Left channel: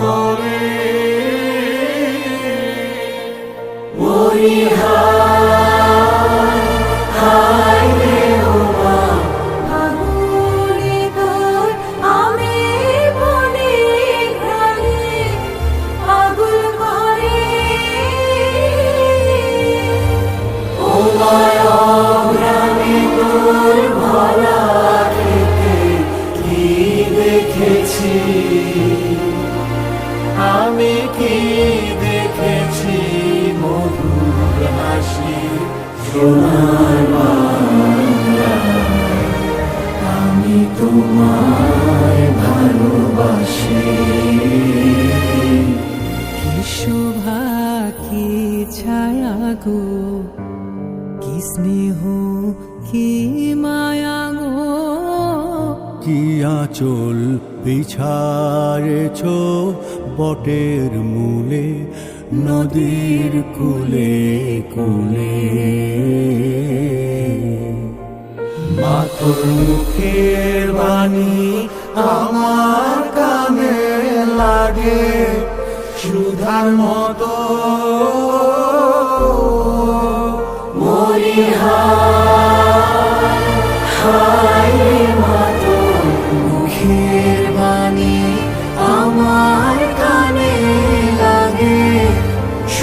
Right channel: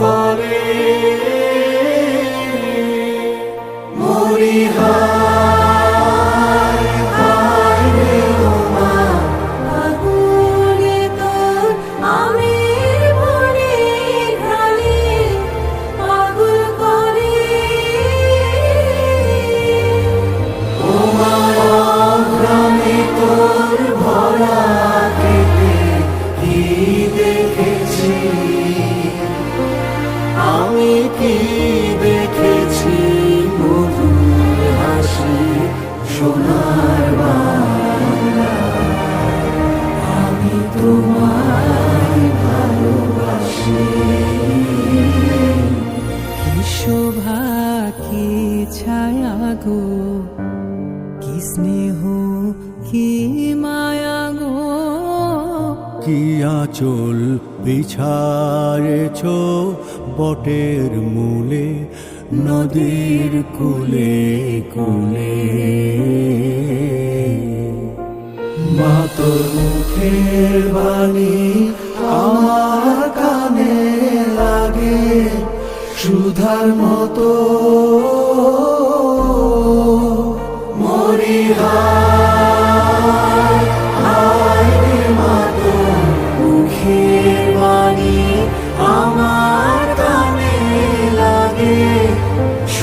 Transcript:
করে। কি দেখেছি মধুর হাসি? সোনার। আমি তোমায় ভালোবাসি। কি শোভা, কি ছায়া গো? কি স্নেহ, কি মায়া গো? কি আঁচল বিছারেছ বটের মূলে, নদীর কুলে কুলে। মা তোর মুখের বাণী আমার কানে লাগে, সুধার মতো